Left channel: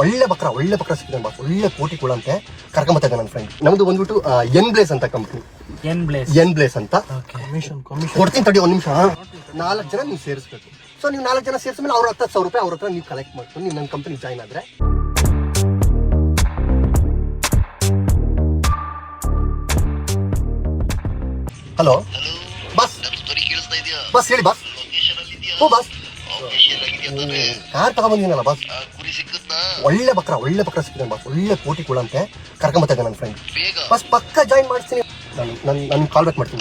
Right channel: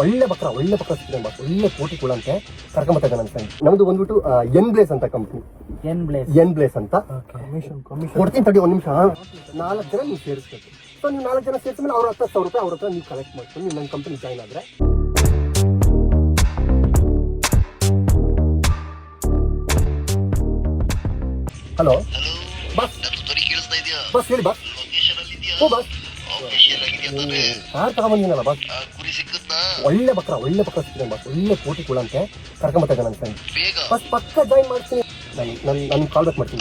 ಒಳ್ಳೆ ಬಕ್ರ ಸಿಕ್ಕಿದೆ ಬಾಸ್, ಒಳ್ಳೆ ಕೋಟಿ ಕೊಡಂತೆ ಕರ್ಕೊಂಬತ್ತಾ ಇದ್ದೆ ನನ್ನ ಫ್ರೆಂಡ್. ನಮ್ದು ಬಂದ್ಬಿಟ್ಟು ಎನ್ ಬ್ಲೇಸ್ ಅಂತ ಕಂಪ್ನಿ, ಎನ್ ಬ್ಲೇಸ್ ಅಂತ. ಕೊಡ್ತೀನಿ ತಡಿ ಒಂದು ನಿಮಿಷ. 4 ಜನ ನೀವು ಸೇರಿಸ್ಬೇಕು. ಸೊ ನೀವು 4 ಜನ ಸೇರಿಸಿದ್ಮೇಲೆ ಅವ್ರ 10,000 ರೂಪಾಯಿ ಅವ್ರ ಹತ್ರ ನೀವು ಕಲೆಕ್ಟ್ ಮಾಡ್ಕೊಂಡು ನೀವು ನನ್ನ ಕಂಪ್ನಿ ಜಾಯ್ನ್ ಆದ್ರೆ. ಹಲೋ ಬಸ್, ಬಸ್ ಹೇಳಿ ಬಸ್. ಓ ಬಸ್, ಕಾರ್ ತಗೊಂಬಂದಿನಲ್ಲ ಬಸ್. ಒಳ್ಳೆ ಬಕ್ರ ಸಿಕ್ಕಿದೆ ಬಾಸ್, ಒಳ್ಳೆ ಕೋಟಿ ಕೊಡಂತೆ ಕರ್ಕೊಂಬತ್ತಾ ಇದ್ದೆ ನನ್ನ ಫ್ರೆಂಡ್. ಬಸ್ ಪಕ್ಕ ಜಾಯಿನ್ ಮಾಡ್ತೀನಿ, ನಾನು ಕಾಲ್ ಬ್ಯಾಕ್ ಮಾಡ್ತೀನಿ.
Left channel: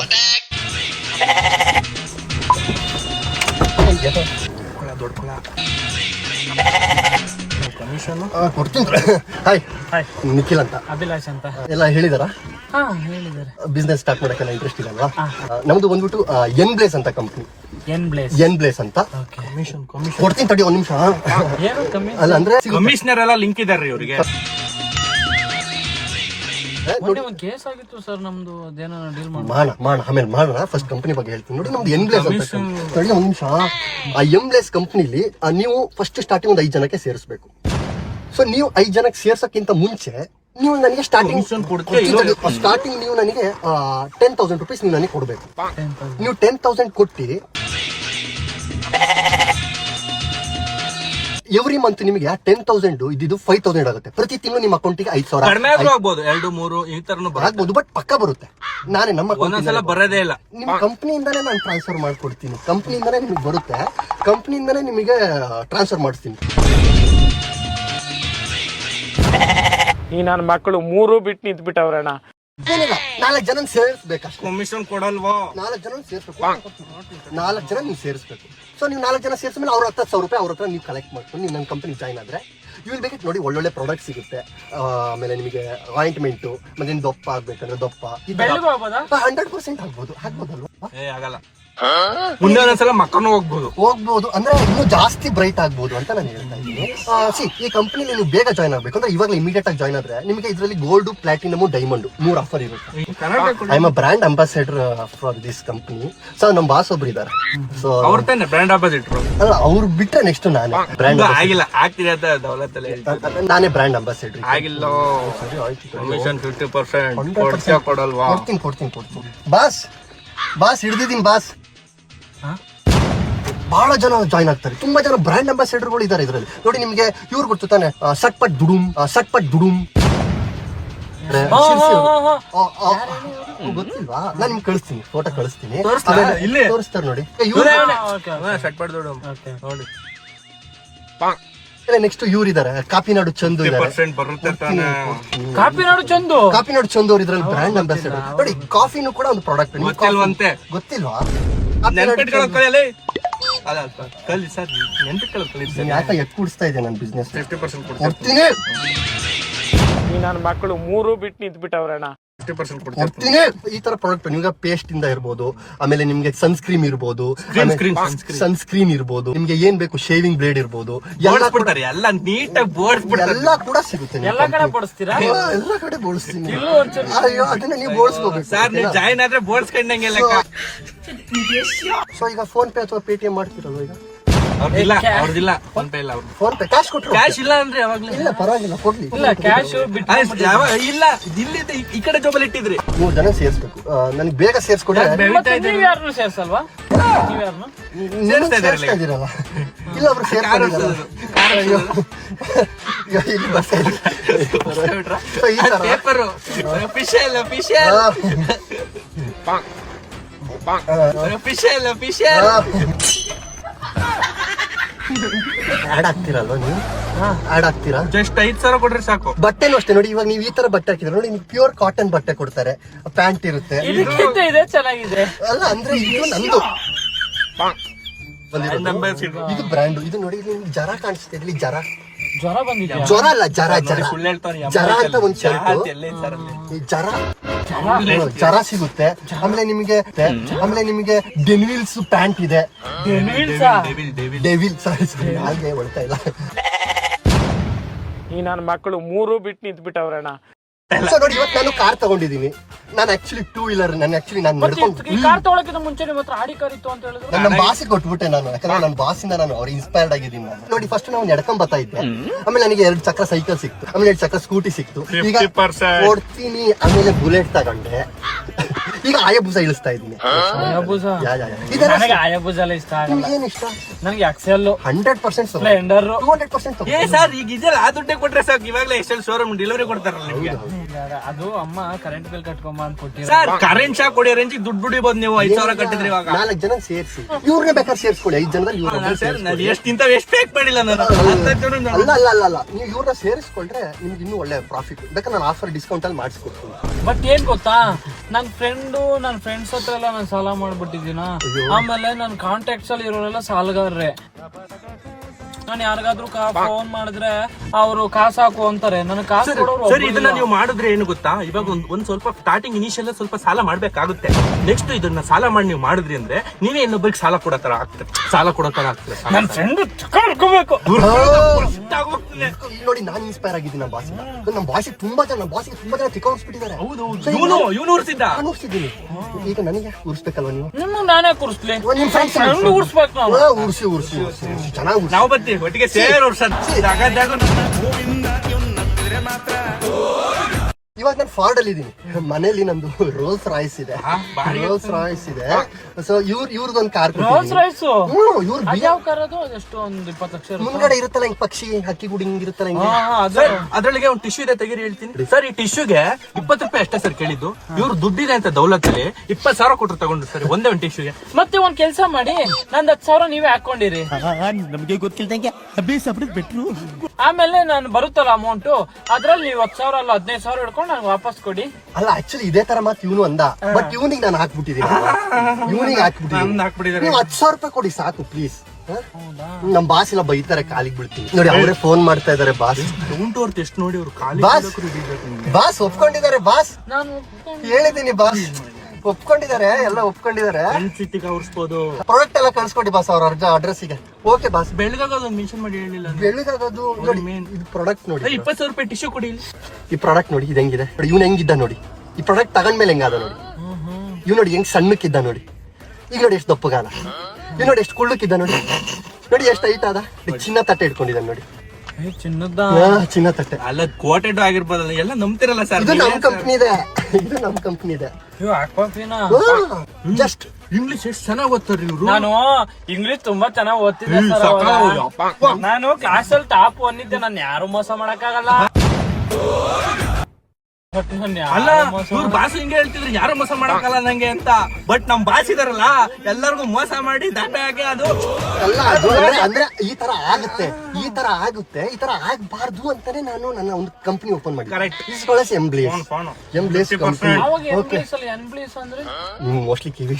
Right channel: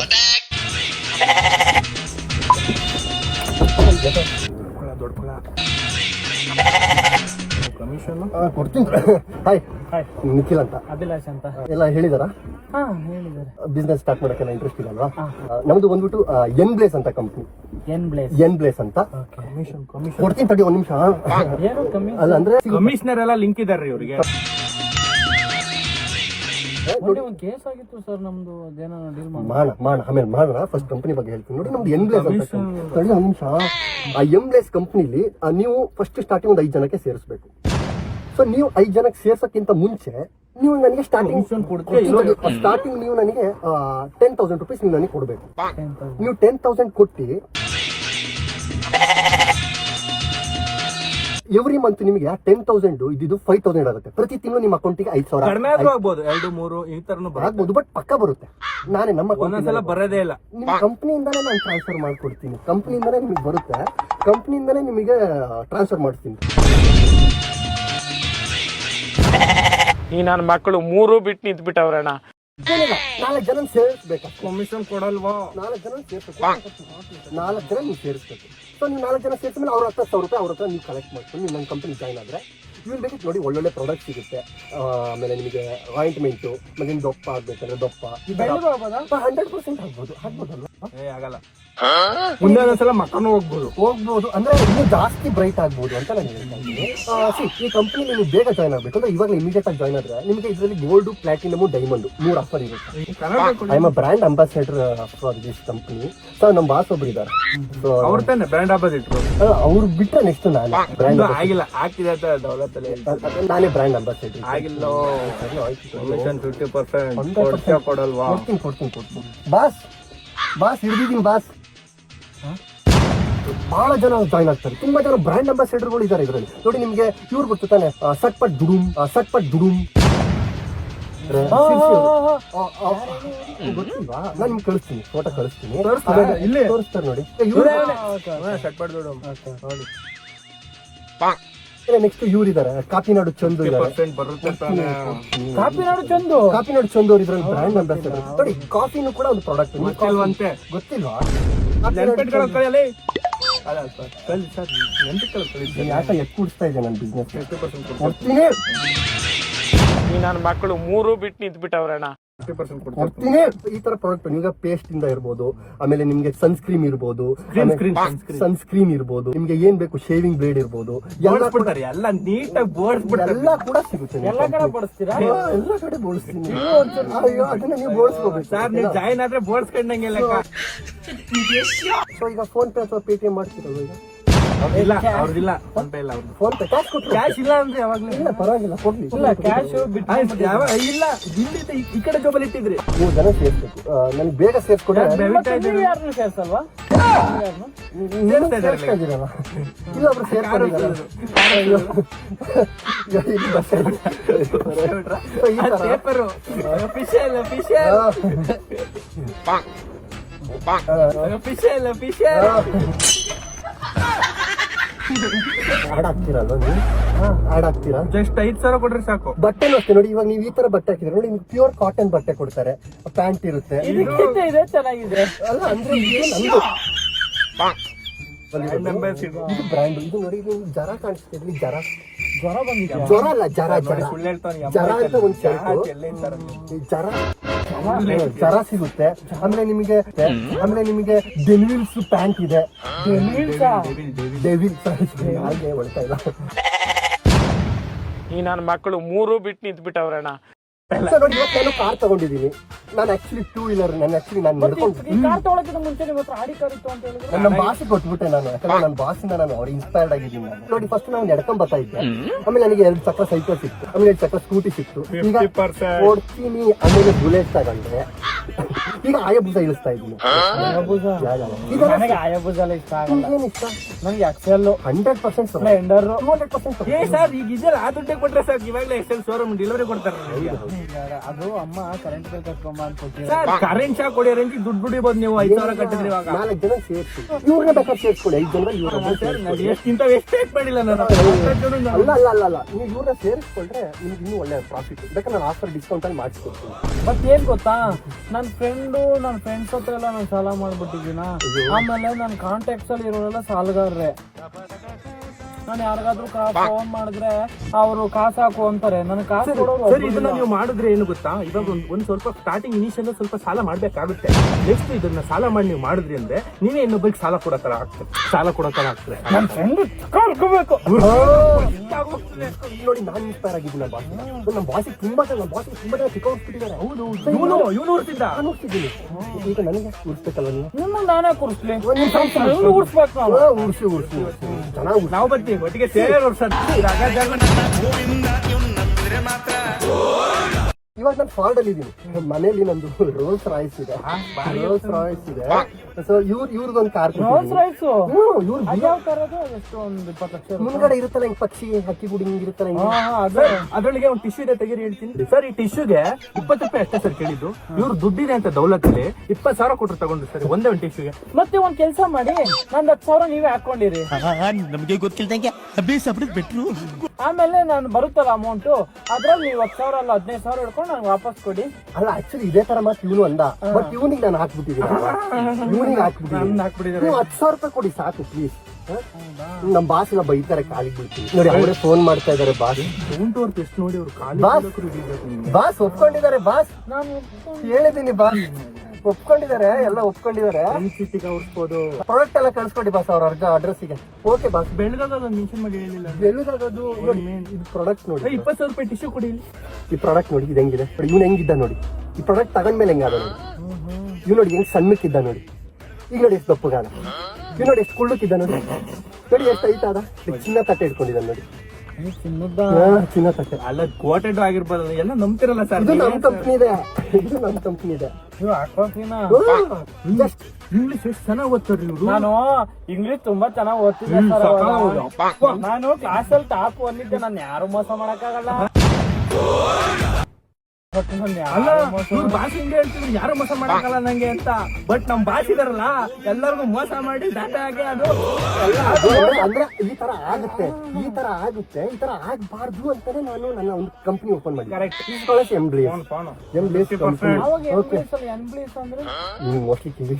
ಕೊಡ್ತೀನಿ. ಹಾಯ್, ನಿಖಿಲ್ ಅಂತ, ಅಭಿಲಾಷ್ ಅಂತ ಎಲ್ಲ ಹೇಳಿದಾರ ಬಿಸ್ನೆಸ್ ಸ್ಟಾರ್ಟ್ ಮಾಡಕ್ಕೆಲ್ಲ ಇಂಟ್ರೆಸ್ಟ್ ಇಲ್ಲ. ನಮ್ದು ಬಂದ್ಬಿಟ್ಟು ಎನ್ ಬ್ಲೇಸ್ ಅಂತ ಕಂಪ್ನಿ, ಎನ್ ಬ್ಲೇಸ್ ಅಂತ. ಕೊಡ್ತೀನಿ ತಡಿ ಒಂದು ನಿಮಿಷ. ಅಲ್ಲ ಅಂದ್ರೆ ಕಮಿಷನರ್ ಎಲ್ಲ ಲಿಂಕ್ ಇದಾರೆ ಇವರಿಗೆ. ಕೇಸ್ ಆಗಿತ್ತು ಸರ್ ನಮ್ದು, ಅದೇನೋ ಡೀಲ್ ಮಾಡೋಣ ಆಮೇಲೆ ಮಾಡೋಣ. ಫಸ್ಟ್ ಕಂಪನಿ ಬಗ್ಗೆ ಹೇಳ್ತೀನಿ ನೋಡಿ. ನಮ್ದು ಎನ್ ಬ್ಲೇಸ್ ಅಂತ ತಡಿ ಒಂದು ನಿಮಿಷ. ಆ ಎನ್ ಬ್ಲೇಸ್ ಕಂಪ್ನಿಲಿ ನೀವು ಫಸ್ಟ್ ಸ್ಟಾರ್ಟಿಂಗ್ ಒಂದು 5 ಜನಕ್ಕೆ ಸೇರಿಸಬೇಕು. ಸೊ ನೀವು 5 ಜನಕ್ಕೆ ಸೇರ್ಸಕ್ಕಿಂತ ಮುಂಚೆ ನೀವು ನನಗೆ ಸ್ಟಾರ್ಟಿಂಗ್ ನೀವು ನನಗೆ 10,000 ರೂಪೀಸ್ ನೀವು ನನಗೆ ಕೊಡಬೇಕು. ನೀವು 10,000 ಕೊಟ್ಟು ಎವ್ರಿ ಮಂತ್ ನಿಮಗೆ 10,000 ಇದ್ದು 5,000 ಆಗುತ್ತೆ. ಪ್ರತಿ ತಿಂಗಳು ನಿಮ್ಮ ಅಕೌಂಟಿಗೆ 5,000 ಆಗ್ಬೋದು, ಬಟ್ ಪಕ್ಕ ಬರುತ್ತೆ. ನಾನೇ ನಮ್ಮ ಬರೋದೇ ಇಲ್ಲ, ನಿಮ್ಮ ಕಂಪ್ನಿಯಿಂದಾನೇ ನಾನು ಟ್ರಾನ್ಸ್ಫರ್ ಮಾಡ್ಕೊಡ್ತೀನಿ. ಕಂಪ್ನಿಯಿಂದಾನೇ ನಿಮಗೆ ಬರುತ್ತೆ, ಕಂಪ್ನಿಯಿಂದಾನೇ ನಿಮಗೆ ಟ್ರಾನ್ಸ್ಫರ್ ಮಾಡಿಸ್ತೀನಿ. ಈ ನನ್ನ ಮಕ್ಕಳು 3 ಬಿಟ್ಟು ನಿಂತು ಬಿಟ್ಟವ್ರಣ್ಣ. 4 ಜನ ಸೇರಿಸ್ಬೇಕು. ಕಮಿಷನ್ ಕೊಡಲ್ವಾ? 4 ಜನ ಸೇರಿಸ್ಬೇಕು. 4 ಜನ ನೀವು ಸೇರಿಸ್ಬೇಕು. ಸೊ ನೀವು 4 ಜನ ಸೇರಿಸಿದ್ಮೇಲೆ ಅವ್ರ 10,000 ರೂಪಾಯಿ ಅವ್ರ ಹತ್ರ ನೀವು ಕಲೆಕ್ಟ್ ಮಾಡ್ಕೊಂಡು ನೀವು ನನ್ನ ಕಂಪನಿ ಜಾಯ್ನ್ ಆದ್ರೆ ಇವ್ರು ಬೇಕಿತ್ತು ನೋಡಿ, ಒಳ್ಳೊಳ್ಳೆ ಪ್ರಾಡಕ್ಟ್ ಸಿಗುತ್ತೆ. ಆಮೇಲೆ ನಿಮಗೆ ಆಯಿಂಟ್ಮೆಂಟು, ಮತ್ತೆ ದಪ್ಪ ಆಗ್ಬೇಕಂದ್ರೆ ದಪ್ಪ 100% ಆಗ್ಬೋದಲ್ವಾ? ಆಗಲ್ಲ, ಮುಂದೆ ಒಂದ್ಸಲ ಮಕ್ಕಳು ಹೋಗ್ಬೋದು ಅಂದ್ರೆ ಇನ್ನೂ ಜಾಸ್ತಿ ಬ್ರೈಟ್ ಆಗ್ಬೋದು ಅಂತ ನಾನು ಹೇಳ್ತೀನಿ. ಈ ಕಂಪನಿ ನೀವು ಬೇಗ ಜಾಯ್ನ್ ಆಗ್ಬೇಕು ಅಂದ್ರೆ ಇವಾಗ ಇಮಿಡಿಯೇಟ್ ಆಗಿ ಜಾಯ್ನ್ ಆದ್ರೆ ನಿಮಗೆ ಇದರಲ್ಲಿ ಗೋಲ್ಡ್, ಪ್ಲಾಟಿನಮ್, ಡೈಮಂಡ್ 3 ಆಫರ್ ಇರುತ್ತೆ. I am a brand ambassador for this company. So ನಮ್ಮ ಬಾಸ್ ಒಬ್ರು ಇದ್ದಾರೆ. ಸೊ ಬ್ರಾಂಡ್ ಅಂಬಾಸಿಡರ್ ಅಲ್ಲ, ಅವ್ರು ಬಿಟ್ರೆ ನೆಕ್ಸ್ಟ್ ನಾನು ಬ್ರಾಂಡ್ ಆಗಿಲ್ಲ, ಆಗ್ತಿದೆ ಅಂತ ದೌಲತ್ತಲ್ಲಿ ನಾನೇ ಬ್ರಾಂಡ್ ಅಂಬಾಸಿಡರ್ ಆಗಿಲ್ಲ. 50% ಕೊಡಲ್ವಾ? ಕೊಡ್ತೀನಿ ಬಾಸ್ ಹಿಡಿದಿದ್ದೀನಿ ಬಾಸ್. ಬಹಳ ಜನ ಜಾಯ್ನ್ ಆಗ್ತಾರೆ, ತುಂಬಾ ಜನ ಬ್ರಾಂಡ್ ಅಂಬಾಸಿಡರ್ಗಳು ಇದಾರೆ ಇದರಲ್ಲಿ ನೋಡಿ. ನಿಮ್ಗೆ ಇವ್ರು ಗೊತ್ತು ತಾನೆ, ಸಟ್ಪಟ್ ದುಡುಮ್ ಗೊತ್ತಿಲ್ವಾ? ನಾನು ನಿಮ್ಗೆ ಕಳಿಸ್ತೀನಿ, ಫೋಟೋ ಕಳಿಸ್ತೀನಿ, ತೋರಿಸ್ತಾರೆ ನೋಡಿ. ನೆಕ್ಸ್ಟ್ ಇವ್ರು ಇದಾರೆ, ಕಾಪಿನಾಡು ಚಂದು ಇದಾರೆ. ಕಾಪಿನಾಡು ಚಂದು ಅವ್ರು ಇದ್ರಲ್ಲಿ ಬ್ರಾಂಡ್ ಅಂಬಾಸಿಡರ್ ನೋಡಿ. ಕಾಫಿನೂ ಕೂಡ ಒಂದು ಪ್ರಾಡಕ್ಟ್ ಗೊತ್ತಿಲ್ವಾ? ಯಾಕೆ ಎತ್ಕೂಡಿಸ್ತಾ ಇದೆ ನನ್ನ ಬಿಸ್ನೆಸ್. ನನ್ನ ಮಕ್ಕಳು 3 ಬಿಟ್ಟು ನಿಂತು ಬಿಟ್ಟವ್ರಣ್ಣ. ಈ ತರ ಪ್ರಾಡಕ್ಟ್ ನಿಮ್ಗೆ ಪೇಸ್ಟ್ ಇಂದ ಇರ್ಬೋದು, ಆಮೇಲೆ ನಿಮ್ಗೆ ಸನ್ಸ್ಕ್ರೀನ್ ಇರ್ಬೋದು, ಸನ್ಸ್ಕ್ರೀನ್ ಇರ್ಬೋದು, ನಿಮ್ಗೆ ಏನ್ ಬೇಕು ಶೇವಿಂಗ್ ಬ್ಲೇಡ್ ಇರ್ಬೋದು, ಎಲ್ಲ ಕೂಡ ಸಿಗುತ್ತೆ. ಎಲ್ಲ ಕಡೆ ಬೋಳಿಸ್ತೀನಿ. ಅಯ್ಯೋ, ಅದನ್ನ ನೀವು ಬೋಳಿಸ್ಕೋಬೇಕು. ಸೊ ಈಗ ಫೋನ್ ಪೇ ಅಥವಾ ಪೇಟಿಎಂ ಮಾಡ್ತೀರಲ್ವ? ಈಗ ಫೋನ್ ಪೇ ಕ್ಯಾಶ್ ಕೊಟ್ಟರು ಕ್ಯಾಶ್ ಇಲ್ಲ ಅಂದ್ರೆ ಇಲ್ಲ ಪರವಾಗಿಲ್ಲ, ಕೊಡ್ಲಿ. ಇಲ್ಲ, ಈ ಕಡೆ ಜೋಬಲ್ಲಿ ಇಟ್ಟಿದ್ರಿ. 3 ಜನ ಸೇರ್ಸ್ಬೇಕು. ನನಗೆ ಬೇಗ ಸೇರ್ಸ್ಕೊಟ್ರೆ ಸೇರ್ಸಲ್ವಾ? ಸೇರ್ಸ್ತಿದ್ದೀರಲ್ಲ? ಇಲ್ಲ, ಅವ್ರು ಸೇರ್ಸ್ಕೊಂಡಿಲ್ಲ. ಇಲ್ಲಿ ಬರ್ತಾ ಇದೆ ಆಡ್ ಆಗ್ತಿರಲ್ವಾ ನೀವು? ಆಡ್ ಆಗ್ತೀರಾ? ಜಸ್ಟ್ 5,000 ಕೊಡ್ರಿ ಸಾಕು. ಬಟ್ಟೆನೂ ಅಷ್ಟೇ ನೋಡಿ. ಇವಾಗ ನೀವು ಈ ತರ ಬಟ್ಟೆ ಹಾಕಿದ್ರೆ ನೋಡಿ, ನಿಮ್ಗೆ ಪ್ಯೂರ್ ಕಾಟನ್ ಬಟ್ಟೆ ಕೊಡ್ತಾರೆ, ಪ್ಯಾಂಟ್ ಇರುತ್ತೆ. ಅಲ್ಲ ಅಂದ್ರೆ ಇದು ಬ್ರ್ಯಾಂಡ್. ಇದು ನೋಡಿ, ಇಲ್ಲಿ ಜರ ಕಾಣಿಸ್ತಾ ಇದೆ. ಜ್ವರ ಅಲ್ಲ, ಜರ ಅಂತ ಒಂದು ಶರ್ಟ್, ಜರ ಸಿಗುತ್ತೆ. ಆಮೇಲೆ ನಿಮಗೆ ಡೆನಿಲ್ಸ್ ಪ್ಯಾಂಟ್ ಇದೆ. ಡೆವಿಲ್, ಸಾರಿ ಹಾಗೆ ಹೊಳ್ತಾ ಇಲ್ಲ. ಈ ನನ್ನ ಮಕ್ಕಳು 3 ಬಿಟ್ಟು ನಿಂತು ಬಿಟ್ಟವ್ರಣ್ಣ. ಸೊ ನೋಡಿ ಇವತ್ತು ನಾನು ಕಾರ್ ತಗೊಂಡಿದ್ದೀನಿ. ನಾನು ಆಕ್ಚುಲಿ 2 ವೀಲರ್ ನಾನು ನಡ್ಕೊಂಡು ಈ ಕಾರ್ ತಗೊಳಕ್ಕಿಂತ ಮುಂಚೆ ನಿಮ್ಮ ಹತ್ರ ಆಡಿ ಕಾರ್ ಇತ್ತು ಅಂತ ಹೇಳಿದ್ರೆ ನಮ್ಮ ಬಾಸಿಗೆ ಕೊಟ್ಬಿಟ್ಟೆ ನಾನು. ಯಾಕಂದ್ರೆ ನನ್ನ ಬಾಸಿಂದ ನಾನು ಅವ್ರು ಇನ್ಸ್ಪೈರ್ಡ್ ಆಗಿದ್ದೀನಿ ನಾನು. ನೋಡಿ ಫಸ್ಟ್ ನಾವು ನಡ್ಕೊಂಡ್ ಬರ್ತಾ ಇದ್ದೆ, ಆಮೇಲೆ ನನಗೆ 2 ಚಕ್ರ ಸೈಕಲ್ ಸಿಕ್ತು, ಆಮೇಲೆ 2 ಚಕ್ರ ಸ್ಕೂಟಿ ಸಿಕ್ತು. ಈಗ 50% ಕೊಡ್ತೀನಿ, ಆಮೇಲೆ ಬುಲೆಟ್ ತಗೊಂಡೆ, ಈಗ ಆಯಬುಸ ಇಳಿಸ್ತಾ ಇದ್ದೀನಿ. ನನಗೆ ಆಯಬುಜಲ್ಲ ಇಷ್ಟ ಆಗಲ್ಲ. ನಿಮ್ಗೆ ಏನ್ ಇಷ್ಟ? ನನಗೆ ಎಕ್ಸೆಲ್ 100% ಸ್ಪ್ಲೆಂಡರ್ 200% ಏ ಸರ್ ಈಗ ಇದೆಲ್ಲ ಆ ದುಡ್ಡೇ ಕೊಟ್ರೆ ಸಾಕು, ಇವಾಗಲೇ ಎಷ್ಟೆಲ್ಲ ಶೋರೂಮ್ ಡೆಲಿವರಿ ಕೊಡ್ತಾರಲ್ಲ ನಿಮ್ಗೆ. ಅದು ಅಮ್ಮ ಕರೆಂಟ್ ಬಿಲ್ ಕಟ್ಕೊಂಬ ಅಂತ ಕೊಟ್ಟಿರೋ. ಸರ್ ಕರೆಂಟ್ ಶಾಕ್ ಹೊಡಿಯೋ ರೇಂಜಿಗೆ ದುಡ್ಡು ಬಿಡಿಬಹುದು ನೀವು. 5,000 ಕಟ್ಟಿದ್ರಿ ಇವಾಗ. 4 ಜನ ಸೇರಿಸಿ ಇವ್ರನ್ನ ಬೇಕಾದ್ರೆ ಸೇರಿಸ್ಕೊಳ್ಳಿ. 5 ಜನದಲ್ಲಿ ಇವ್ರನ್ನ ಸೇರಿಸ್ಕೊಳ್ಳಿ. ಎಷ್ಟು ಇಂತ ಎಷ್ಟು ಪೇಕ್ ಮಾಡಿಲ್ಲ ನಾನು. ಅಲ್ಲ ನೀವು ಇವ್ರನ್ನ ಸೇರಿಸ್ಕೊಂಡ್ರೆ ನಿಮ್ಗೆ ಇನ್ನೂ ಒಳ್ಳೆ ಪ್ರಾಫಿಟ್. ಬೇಕಾದ್ರೆ ನಾನು ಆಫರ್ ಡಿಸ್ಕೌಂಟ್ ಅಲ್ಲಿ ಮಾಡಿಸ್ಕೊಡ್ತೀನಿ. ಬಟ್ ಏನ್ ಗೊತ್ತಾ, ನನ್ ಫ್ರೆಂಡ್ಸ್ ಹತ್ರ ಎಲ್ಲ ನಾನು ಸಾಲ ಮಾಡ್ಬಿಟ್ಟಿದ್ದೀನ. ಆಮೇಲೆ ನನ್ನ ಕಾಂಟ್ಯಾಕ್ಟ್ಸ್ ಅಲ್ಲಿ ಇರೋರೆಲ್ಲ ಸಾಲಗಾರರೇ. ನಾನು ಯಾರಿಗಾದ್ರೂ ಫೋನ್ ಮಾಡಿದ್ರೆ ಅವರು ಕಾಸು ಹಾಕು ಅಂತಾರೆ. ನನಗೆ ಕಾಸು ಕೊಡೋರು ಸರ್ ಇದನ್ನ ನೀವು ಮಾಡಿದ್ರೆ ಏನು ಗೊತ್ತಾ, ಇವಾಗ ಒಂದ್ ಸ್ವಲ್ಪ ಸ್ಟಾರ್ಟಿಂಗ್ ಇನಿಷಿಯಲ್ ಸ್ವಲ್ಪ ಸಾಲ ಮಾಡ್ಬೇಕಾಗುತ್ತೆ. ನೆಕ್ಸ್ಟ್ ಇದನ್ನ ಸಾಲ ಮಾಡಿ ನೀವು ಮಾಡಿದ್ರಿ ಅಂದ್ರೆ ನೀವೇ ಇನ್ನೊಬ್ಬರಿಗೆ ಸಾಲ ಕೊಡೋ ತರ ಆಗ್ತದೆ. ನನ್ನ ಫ್ರೆಂಡ್ ಕರ್ಕೋಬೇಕು. ನೋಡಿ ನಾನು ಇನ್ಸ್ಪೈರ್ ಆಗಿದ್ದೀನಿ ನಮ್ಮ ಬಾಸಿಗೆ ತುಂಬಾ ಜನ ತಿಕ್ಕಿಸ್ಬಿಟ್ಟಿದ್ದಾರೆ. ಇವನು ಉರ್ಸಿದ್ದ. ನಾನು ಉರ್ಸಿದ್ದೀನಿ. ಈಗ ನನಗೆ ಉರ್ಸ್ಬೇಕಲ್ವ ನೀವು? ನಿನ್ನ ನಾನೇ ಕೂರಿಸ್ಲಿ. ನಿಮ್ ಫ್ರೆಂಡ್ಸ್ ನಂದು ಉರ್ಸ್ಬೇಕು ನಾವು. ಉರ್ಸಿ ಚೆನ್ನಾಗಿ ನಾವು ಬರ್ತೀವಿ ಒಟ್ಟಿಗೆ ಸೇರ್ ಉರ್ಸೋದು. ಇವಾಗ ನಾನು ಫಾರ್ಡ್ ಅಲ್ಲಿ ಇದ್ದೀನಿ. ಮನೇಲಿ ನಂದು ರೋಲ್ಸ್ ರಾಯ್ಸ್ ಇದೆ. ಸೊ ಇವ್ರದೊಂದು ಕಾರ್ ರೋಲ್ಸ್ ರಾಯ್ಸ್ ಇವ್ರು ಯಾವ ಕಾರ್ ಅದು? ಎಷ್ಟು ಒಂದು 20 ಲಕ್ಷ ಮುಂದ್ಗಡೆ ಇರುತ್ತಲ್ಲ ಹಿಂಗ್ ಪಕ್ಷಿ ಹಕ್ಕಿ ಗುಡಿ ಹಿಂಗ್ ಇರುತ್ತಲ್ಲ ಹಿಂಗೆ. ಅದ್ರೊಳಗೆ ಒಂದು ಟಿಶ್ಯೂ ಇದೆ, ತೆಗೀರಿ ಹೇಳ್ತೀನಿ ಸರ್. ಈ ಟಿಶ್ಯೂಗೆ 20 ರೂಪಾಯಿ ಅಷ್ಟೇ ಸರ್ ಕೇಳಿದ್ದು. ಇವ್ರು ದುಡ್ಡಿದೆ ಅಂತ ದೌಲತ್ತಲ್ಲಿ 20,000 ಕೊಟ್ಟರು ತಗೊಂಡು ಸರ್ ಒಂದೇ ಒಂದು ಟಿಶ್ಯೂಗೆ. ಮತ್ತೆ ಒಂದ್ ಕೆಲಸ ಮಾಡಿ, ನಂದು 10,000 ನೀವೇ ಹಾಕೊಂಡಿರಿ. ನಮಗೆ ಗೊತ್ತಿಲ್ದಂಗೆ ಬೆಟ್ರು. ಆಮೇಲೆ ನಾನು ಬರುತ್ತಲ್ಲ ಅಮೌಂಟ್, ಅದ್ರಲ್ಲಿ ನೀವು 10,000 ಅಲ್ಲ 15,000 ಹಿಡ್ಕೊಂಡು ನಾನು ವಾಪಸ್ ಕೊಡಿ. ಅಲ್ಲ ಆಕ್ಚುಲಿ ಇದೇ ತರ ಮಾತು ಇವನು ಅಂದ. ಬಟ್ ಇವನಿಗೆ ನಾನು ಹಾಕ್ಬಿಟ್ಟಿದ್ದೀನಿ. ನೀವು 10,000 ರೂಪಾಯಿ ಕೊಡಿ ಸಾಕು ಪ್ಲೀಸ್. ನಮ್ ಬಾಸ್ ಇಲ್ಲ ಬೈತಾರೆ, ಕಾಲಿಗೆ ಬೀಳ್ತೀನಿ. ನೋಡಿ ಅವರೇ ಫೋನ್ ಮಾಡ್ತಾ ಇದಾರೆ ಬಾಸ್. ಎಷ್ಟು ನೋಡಿ ಅವ್ರು ಕಾಲಿ ಬಾಸ್ ಒಪ್ಕೊಂಡಿದ್ದಾರೆ. ಬಾಸ್ ನಾನು ಹೇಳಿದ್ದೀನಿ, ಬಾಸ್ ಒಪ್ಕೊಂಡಿದ್ದಾರೆ, ಎಲ್ಲ ಒಪ್ಕೊಂಡಿದ್ದಾರೆ. ಉರ್ಸ್ಬೋದು. ಪ್ರಾಡಕ್ಟ್ ಎಲ್ಲ ಕಳ್ಸ್ಕೊಡಿ ಬಾಸ್ ಅವ್ರ ಅಡ್ರೆಸ್ಸಿಗೆ. Okay boss. ಬೆಳಗಾಗೋದು ಮೆನ್ಷನ್ ಮಾಡಿ ಹೇಳಿಲ್ಲ. ಬೆಳ್ಳಗಾಗೋದು ನೋಡಿ, ಇದು ಪ್ರಾಡಕ್ಟ್ ನೋಡಿ. 20,000 ರೂಪಾಯಿ ಟಿಶ್ಯೂ ಕೊಡಿ. ಈ ಪ್ರಾಡಕ್ಟ್ ನೋಡಿ, ಇದು ಹೆಂಗಿದೆ ನೋಡಿ. ಇವ್ನು ಹೆಂಗಿದ್ದ ನೋಡಿ. ಈ ಪ್ರಾಡಕ್ಟ್ ತಗೊಂಡ್ಮೇಲೆ ಹೆಂಗಾದ ನೋಡಿ. ಇವ್ ನೋಡಿ ಹೆಂಗ್ ಸಣ್ಣಕ್ಕಿದ್ದ ನೋಡಿ. ಈಗ ನೋಡಿ ಎಷ್ಟು ದಪ್ಪಗಾದ. ಇವ್ ನೋಡಿ ಎಷ್ಟು ಕುಳ್ಳಕ್ಕಿದ್ದ ನೋಡಿ. ನೋಡಿ ಎಷ್ಟು ಹೈಟ್ ಆದ. ಚಿನ್ನ ತಟ್ಟೆ ಇಟ್ಕೊಂಡಿದ್ದ ನೋಡಿ. ಚಿನ್ನದ ಚಿನ್ನ ತಟ್ಟೆ ಅಲ್ಲ ಕೋಟೆಡ್ ಆಗಿರ್ಬೋದಲ್ಲ, ಎಲ್ಲ ನಂಬ್ತಿರಲ್ಲ ಸರ್. ಇದು ನಮ್ ಕಂಪ್ನಿ ಇದೆ. ಇವ್ ಹಾಕೋತೀನ. ಜಸ್ಟ್ ಇಂಗ್ಲಿಷ್ ಎಷ್ಟು ಚೆನ್ನಾಗಿ ಓದ್ತಾರ್ರಿ ಇವ್ರು. ನಾನು ಇಂಗ್ಲಿಷ್ ತುಂಬಾ ಚೆನ್ನಾಗಿ ಓದ್ತಿದ್ದೆ ಸರ್ ಅವಾಗ. ನಾನು ಕ್ಲಾಸ್ ಅಲ್ಲಿ ಟಾಪ್ ಒಂದಿದ್ದೆ. ನಾನು ಯಾರು ಮೋಸ ಮಾಡಕ್ಕಾಗಲ್ಲ. ಬಟ್ ಅಲ್ಲ ಇವ್ರ ಭಾಷೆ ಹಿಂಗೆ ಹೇಳ್ತಿದ್ರು, ಯಾರು ಮೋಸ ಮಾಡಕ್ಕಲ್ಲ ನಂಗೆ ಅಂತ. ಬಟ್ ನಮ್ ಭಾಷೆ ಇದಾರಲ್ಲ ಎಲ್ಲರಿಗೂ ಮೋಸ ಮಾಡಿ ದಾಟೆ ಹಾಕಿ ಅದು ಅಂದ್ರೆ ಈ ತರ ಆಗುತ್ತೆ, ಈ ತರ ಆಗ್ಬಾರ್ದು ಅಂತಾನೆ ನಾನು ನನ್ನ ಒಂದು ಕಂಪನಿ ಓಪನ್ ಮಾಡಿ. ಕರೆಕ್ಟ್. ಎಂಬ್ಲೇಸ್ ಕಂಪನಿ. ಅವಾಗ ಇಂಗ್ಲಿಷ್ ಅಲ್ಲಿ ಎನ್ಬ್ಲಿಸ್ ಅಂದ್ರೆ ನೀವು ಮೋಸ್ಟ್ಲಿ ಕಿವಿ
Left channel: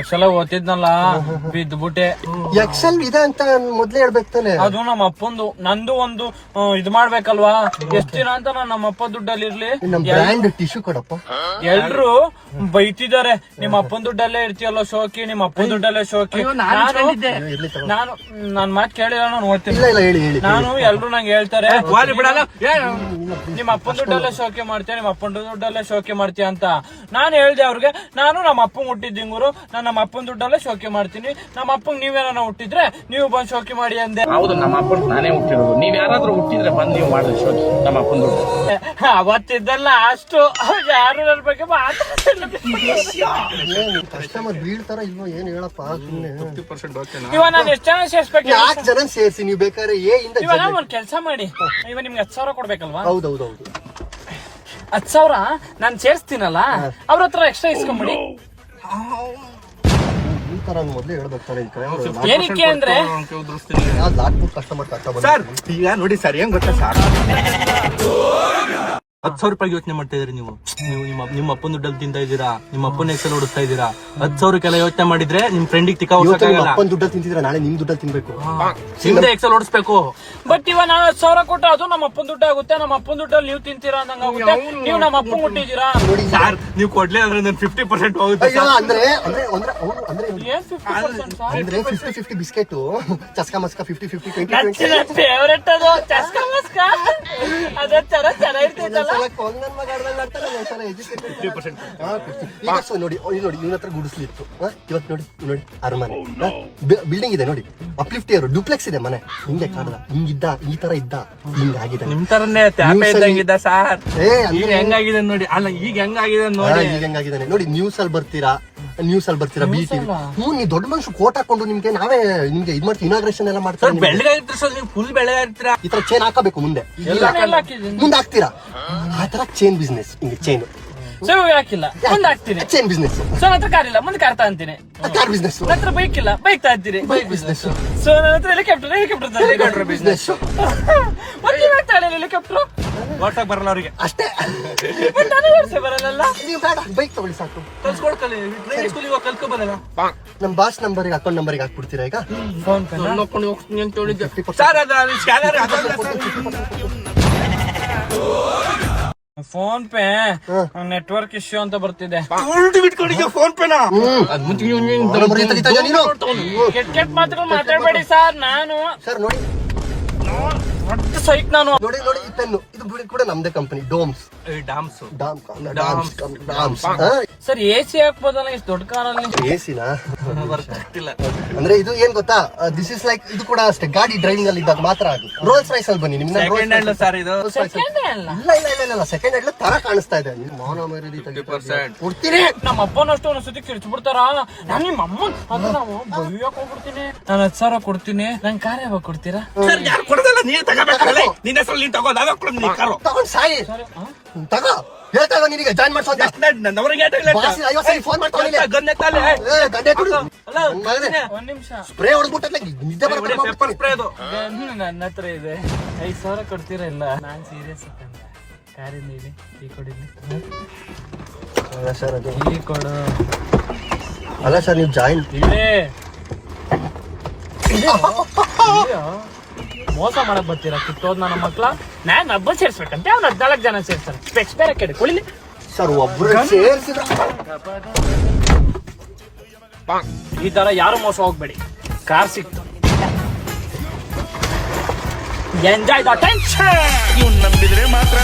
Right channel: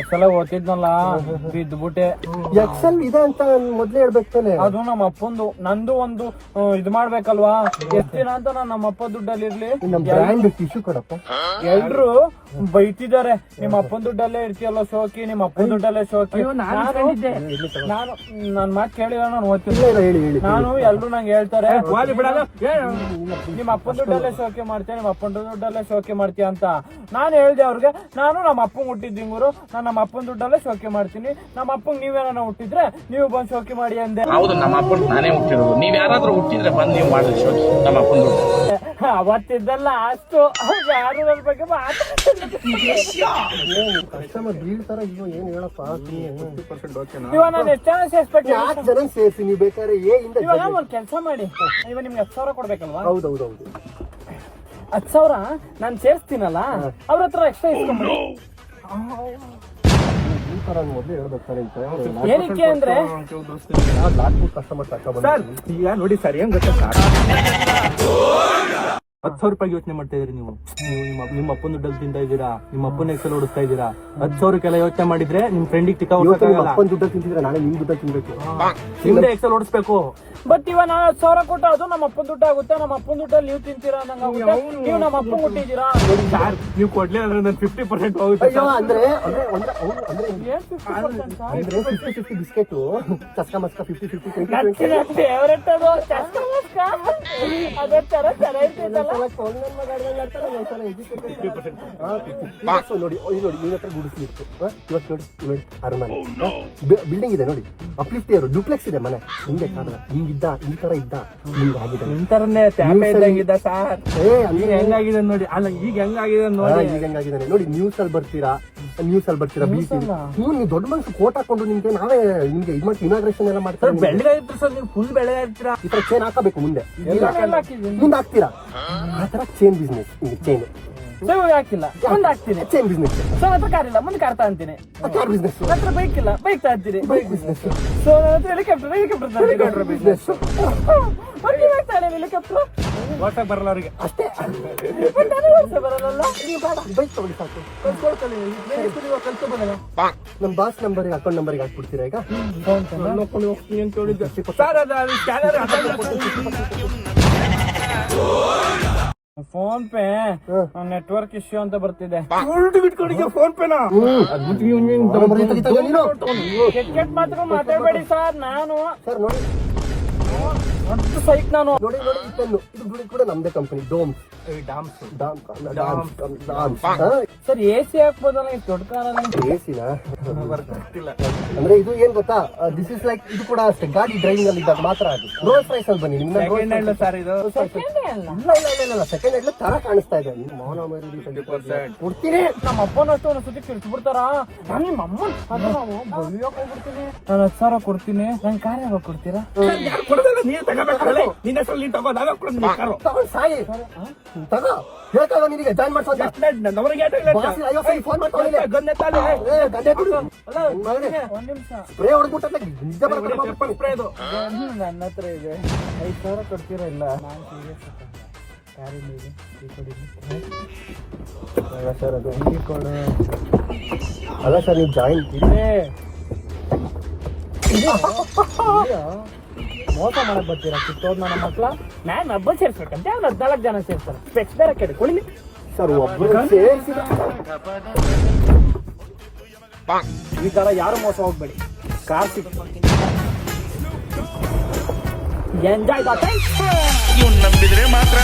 ಎಕ್ಸೆಲ್ ಓದ್ತಿದ್ನಲ್ಲ, ಬಿದ್ಬಿಟ್ಟೆ. ಎಕ್ಸೆಲ್ ಇದೆ ಅಂತ ಮೊದ್ಲೇ ಹೇಳ್ಬೇಕು ತಾನೆ. ಅದು ನಮ್ಮ ಅಪ್ಪಂದು. ನಂದು ಒಂದು ಇದು ಮಾಡ್ಬೇಕಲ್ವಾ. ಎಷ್ಟ್ ದಿನ ಅಂತ ನಾನು ನಮ್ಮ ಅಪ್ಪ ದುಡ್ಡಲ್ಲಿ ಇರ್ಲಿ. ನಮ್ ಬ್ರ್ಯಾಂಡ್ ಟಿಶ್ಯೂ ಕೊಡಪ್ಪ. ಎಲ್ರು ಬೈತಿದ್ದಾರೆ, ನಿಮ್ಮ ಅಪ್ಪನ ದುಡ್ಡಲ್ಲೇ ಇರ್ತೀಯಲ್ಲ ಶೋಕಿ, ನಿಮ್ಮ ಅಪ್ಪನ ದುಡ್ಡಲ್ಲೇ ಶೋಕಿ. ನಾನು ನನ್ ಮಾತು ಕೇಳಿಲ್ಲ, ನಾನು ಓದ್ತೀನಿ. ನಾನು ಎಲ್ರು ನಂಗೆ ಹೇಳ್ತಾರೆ, ನಿಮ್ಮ ಅಪ್ಪನ ದುಡ್ಡಲ್ಲೇ ಶೋಕಿ ಮಾಡ್ತೀಯ, ನಿಮ್ಮ ಅಪ್ಪನ ದುಡ್ಡಲ್ಲೇ ಶೋಕಿ ಮಾಡ್ತೀಯ ಅಂತ. ನಾನು ಹೇಳ್ದೆ ಅವ್ರಿಗೆ, ನಾನು ನಮ್ಮ ಅಪ್ಪಂಗ್ ಹುಟ್ಟಿದ್ದಿಂಗೂರು, ನಾನು ನಮ್ಮ ಅಪ್ಪನ ದುಡ್ಡಲ್ಲೇ ಶೋಕಿ ಮಾಡ್ತೀನಿ. ನಮ್ಮ ಅಪ್ಪಂಗ್ ನೀವೇನ ಹುಟ್ಟಿದ್ರೆ ನೀವು ಬಂದ್ ಶೋಕಿ ಮಾಡಿ ಅಂದೆ. ಹೌದು, ನಮ್ಮ ಅಪ್ಪನ್ ನಾನೇ ಹುಟ್ಟಿರೋದು. ನೀವ್ ಯಾರಾದ್ರೂ ಹುಟ್ಟಿದ್ರೆ ಬಂದ್ ನೀವು ಮಾಡಿದ್ರಿ ಶೋಕಿ ನಮ್ಮ ಅಪ್ಪನ ದುಡ್ಡು. ಅವತ್ತಿದ್ದಲ್ಲ ಅಷ್ಟು ಯಾರು ನನ್ನ ಬಗ್ಗೆ ಕಸ್ಟಮರ್ ಬೀಳ್ತಾರ ಇಲ್ವೋ ಏನ್ ಹೇಳಪ್ಪ. ಇವಾಗ ನಾನು ಎಷ್ಟು ಜನ ಸೇರ್ಸ್ಬೇಕು? 4 ಜನ ಸೇರಿಸಿ ನೀವು ಬೇಕಾದ್ರೆ ಇವಾಗ ಒಂದ್ ಕೆಲಸ ಮಾಡಿ, ಇವಾಗ ನಿಮ್ಗೆ 10,000 ಕೊಡ್ಬೇಕಲ್ವಾ? ಹೌದೌದು 10,000 ನಾನ್ ಸೇರ್ಸ್ತೀನಲ್ಲ, ಅವ್ರ ಹತ್ರ ಎಕ್ಸ್ಟ್ರಾ ಇಸ್ಕೊಂಡ್ಬಿಡಿ. ಮೊದ್ಲೇ ಹೇಳ್ಬೇಕು ತಾನೆ. ಏನಕ್ಕೆ ಅಂದ್ರೆ ಕಸ್ಟಮರ್ ಸರ್ ಈಗ ನೋಡಿ ಸರ್ ಹೆಂಗ್ ಗೊತ್ತಾ ಸರ್, 10,000 ರೂಪಾಯಿ ಯೋಚನೆ ಮಾಡ್ತಾ ಇದ್ರಿ ನೀವು. ನಿಮ್ಮ ಅಪ್ಪನ ದುಡ್ಡಲ್ಲಿ ತಿಂತಾ ಇದ್ದೀರಾ, ನಿಮ್ಮ ಅಪ್ಪನ ಎಕ್ಸೆಲ್ ಓಡಿಸ್ತಾ ಇದ್ದೀರಾ. 10,000 ಯೋಚನೆ ಮಾಡಿದ್ರೆ ನಿಮ್ ಫ್ರೆಂಡಿಗೆ ಅಪ್ಪನ ದುಡ್ಡ ತಿಂತಿದ್ರೆ ನಾಳೆ ನಿಮ್ ದುಡ್ಡ ತಿನ್ಬೇಕು, ನಿಮ್ದೇ ಎಕ್ಸೆಲ್ ಓಡಿಸ್ಬೇಕು. ಬಟ್ ಇವಾಗ ನಾನು 10,000 ಕೊಟ್ಟು ಅದು ನಮ್ಮ ಅಪ್ಪನ ದುಡ್ಡು ಆಗುತ್ತೆ. ನಮ್ಮ ಅಪ್ಪನ ದುಡ್ಡಲ್ಲಿ ನೀವು ತಿಂತೀರಾ ಅಂದಂಗ. ನೀವು ನಮ್ಮ ಅಪ್ಪ ಮುಟ್ಟಿದ್ದೀರಾ. ಸರ್ ನೀವು ಕೊಡ್ಲೇ ಅಂದ್ರೆ ನನ್ 50% ಹೋಗುತ್ತೆ. ಅಂದ್ರೆ ಏನ್ 50%? ಅಂದ್ರೆ 50-50 ಬಿಸ್ಕೆಟ್ ಚಸ್ಕಾ ಮಸ್ಕಾ 50-50 20-20. ಫೇವರೆಟ್ ಅದು ಚಸ್ಕಾ ಮಸ್ಕಾ. ಅದೇ ತರ ಚೆನ್ನಾಗಿರ್ತೈತಲ್ಲ. ಒಂದೊಂದ್ಸಲ ಕೊಂಗನ್ ಮಗ ಆಡ್ದಂಗ್ ಆಡ್ತಾನೆ, ಒಂದೊಂದ್ಸಲ educated. 50%. ಹಾ, 50. ಸೊ ನೋಡಿ ಇವ್ನ ಹತ್ರ ಗುಡಿಸ್ಲಿ ಇತ್ತು. ಇವತ್ತು ನೋಡಿ ಅರಮನೆ ಬಿಲ್ಡಿಂಗ್ ಇದೆ ನೋಡಿ, ಅಪ್ಲಿಫ್ಟ್ ಇಯರ್ ಡ್ಯೂಪ್ಲೆಕ್ಸ್ ಇದೆ ಮನೆ. ಹಿಂಗೆ ಕಾಣಲ್ಲ, ಹಿಂಗಿದ್ದ ಈ ತರ ಇದ್ದ, ಹಿಂಗಾಗಿದೆ. ನಿಮ್ ತರನೇ ತ್ಯಾಪೆ ಇದ್ದಂಗಿದ್ದ ಸಾರ್. ಏ ಈಗ ಹೆಂಗಾಗಿದೆ ನೋಡಿ, ಅಲ್ಲ ಈಗ ಹೆಂಗಾಗಿದೆ ನೋಡಿ. ಈಗ ಹೆಂಗಾಗಿದ್ದಾನೆ ನೋಡಿ. ನ್ಯೂಸ್ ಅಲ್ಲಿ ಬರ್ತೀರಾ ಬಿ ಟಿವಿ. ನೀವು ದೊಡ್ಡ ಮನುಷ್ಯ ಕೋಟ್ ಹಾಕೊಂಡು ನಿಮ್ಗೆ ನಾವೇ ನಿಮ್ಗೆ ಇದ್ ಮಾಡ್ತೀವಿ, ಇನಾಗ್ರೇಷನ್ ಎಲ್ಲ ಸರ್ ಮಾಡ್ತಾರೆ. ಬೆಳಗಾಗಿರ್ತೀರ ಸರ್, ನೀವು ಫುಲ್ ಬೆಳಗಾಗಿರ್ತೀರಾ. ಈ ತರ ಚೇನ್ ಹಾಕಬೇಕು ಮುಂದೆ, ಎಲ್ಲ ಹಾಕಿದ್ದೀನಿ. ಮುಂದೆ ಹಾಕ್ತೀರಾ. ಆ ತರ ಚೇನ್ ಬಿಸ್ನೆಸ್, ಹಿಂಗೆ ಚೇನ್ ಸೊ ಹಾಕಿಲ್ಲ, ಮುಂದೆ ಹಾಕ್ತೀನಿ. Change business. ಸೊ ನನ್ನ ಹತ್ರ ಕಾರ್ ಇಲ್ಲ, ಮುಂದೆ ಕಾರ್ ತಗೊಂತೀನಿ. ಕಾರ್ ಬಿಸ್ನೆಸ್, ನನ್ನ ಹತ್ರ ಬೈಕ್ ಇಲ್ಲ, ಬೈಕ್ ತಗೊಂತೀನಿ. ಬೈಕ್ ಬಿಸ್ನೆಸ್, ಸೊ ನನ್ನ ಹತ್ರ ಹೆಲಿಕಾಪ್ಟರ್ ಬಿಸ್ನೆಸ್ ಹೆಲಿಕಾಪ್ಟರ್ ವಾಟ್ಸಾಪ್ ಬರಲ್ಲ ಅವರಿಗೆ. ಅಷ್ಟೇ. ಬರಲ್ಲ. ನೀವು ಬೇಡ, ಬೈಕ್ ತಗೊಳ್ಳಿ ಸಾಕು. ಕಲ್ಸ್ಕೊಡ್ಕಲಿ, ಟ್ರೈನಿಂಗ್ ಸ್ಕೂಲ್ ಇವಾಗ ಕಲ್ತ್ಕೊ ಬರಲ್ಲ. ನಮ್ಮ ಬಾಸ್ ನಂಬರ್ಗೆ ಅಕೌಂಟ್ ನಂಬರ್ಗೆ ಹಾಕ್ಬಿಡ್ತೀರಾ ಈಗ? ನೋಡ್ಕೊಂಡು ಹೋಗ್ತೀನಿ ಅಂತ ಹೇಳಿದ್ದೆ ಸರ್. ಅದ scanner phone pay network issue ಅಂತ ಬರ್ತಿದೆ. ಫೋನ್ ಪೇನಾ? ನೀನು ಕೆಟ್ಟ ಮಾತ್ರ ಮಾತಾಡ್ಬೇಡಿ ಸರ್. ನಾನು ಸರ್ ನೋಡಿ ಸೈಟ್ ನಾನು ನೋಡಿ ಈ ಪೆನ್ನು ಇದು ಬಿಡಿ ಕೂಡ ನಮ್ದೇ ಕಂಪನಿ, ಡೋಮ್ಸ್. ಸರ್ ಎಸಿ ಹಾಕ್ಬೋದಲ್ಲ ಇಷ್ಟು ದೊಡ್ಡ ಕಾರಲ್ಲಿ? ಎಸಿನ ಅಂದ್ರೆ ಇದು ಏನ್ ಗೊತ್ತಾ, ದಿಸ್ ಇಸ್ ಲೈಕ್ ಇದು ಕೂಡ ಅಷ್ಟೇ, ಗಾಡಿ ಡ್ರೈವಿಂಗ್ ಅಲ್ಲಿ ಇದ್ದಾಗ ಮಾತ್ರ ಅದು. ರೋಲ್ಸ್ ರೈಸ್ ಅಲ್ಲಿ ಬನ್ನಿ, ನಿಮ್ನ ಸೆಕೆಂಡ್ ಹ್ಯಾಂಡ್ ಸರ್ ಇದು. ಇಲ್ಲ ಸೆಕೆಂಡ್ ಹ್ಯಾಂಡ್ ತರ ಕಾಣಿಸ್ತಾ ಇದೆ. ಕೊಡ್ತೀರಿ ನಮ್ಮ ಅಪ್ಪನಷ್ಟು ಒಂದು ಸುದ್ದಿ ಕಿರ್ಚ್ಬಿಡ್ತಾರ. ನಾನು ನಿಮ್ಮ ಅಮ್ಮನ್ ಅದು ನಾವು ಬೈಯಕ್ ಹೋಗ್ಬಿಡ್ತೀನಿ. ನಾನು 10,000 ಕೊಡ್ತೀನಿ, ನನ್ ಕಾರ್ ಯಾವಾಗ ಕೊಡ್ತೀರಾ? ಸರ್ ಯಾರು ಕೊಡೋದಲ್ಲ, ನೀನು ತಗೋಬೇಕಲ್ಲ. ನಿನ್ನ ಹೆಸರು ನೀನು ತಗೋ, ನಾವೇ ಕೊಡೋದು ನೀನು ಕಾರು. ತಗೊಂಡ್ ಸಾಯಿ ತಗೋ. ಹೇಳ್ತಾ ಇವಾಗ ನಿನಗೆ ಜಾಯ್ನ್ ಮಾಡ್ಸೋದು ನವರಿಗೆ 50 ಸರಿ ಫೋನ್ ಮಾಡ್ಕೊಂಡಿಲ್ಲ. ಗನ್ನೆ ತಾನೆ ಗಂಡೆ ಕೊಡು, ಒಂದ್ ನಿಮಿಷ. ಸ್ಪ್ರೇ ಹೊಡೆದ್ಬಿಟ್ಟೆ ನಿದ್ದೆ ಪೆಪ್ಪರ್ ಸ್ಪ್ರೇ ಅದು. ನನ್ನ ಹತ್ರ ಇದೆ. 5,000 ಕೊಡ್ತೀರಾ? ಇಲ್ಲ, ನಾನು ಸೀರಿಯಸ್ ಕಾರಿನ ಈ ಕೊಡಿದ್ವಿ. ಸರ್ ಅದು ಈ ಕೊಡು. ಅಲ್ಲ ಸರ್ ನೀವು ಜಾಯಿನ್ ಇದೆ. ಮೋಸ ಮಾಡಕ್ ಬರ್ತೀರಾ ಕಿತ್ತೋದ್ ನನ್ನ ಮಕ್ಳ? ನಾನ್ ಹಬ್ಬ ಸೇರ್ಸ್ಬೇಕಂತೆ, ಅವ್ನು 14 ಜನ ಸೇರ್ತಾರೆ. ಸ್ಪೆಕ್ಸ್ ಬೇರೆ ಕೆಡ ಕುಳಿಲಿ ಸರ್ ಒಬ್ಬರು ಸೇರಿಸಿದ ಈ ತರ ಯಾರು ಮೋಸ ಹೋಗ್ಬೇಡಿ. ಕಾರ್ ಸಿಕ್ತು, ಎಂಜಾಯ್ ದ ಟೆನ್ಷನ್. ಇವ್ನು ನಂಬಿದ್ರೆ ಮಾತ್ರ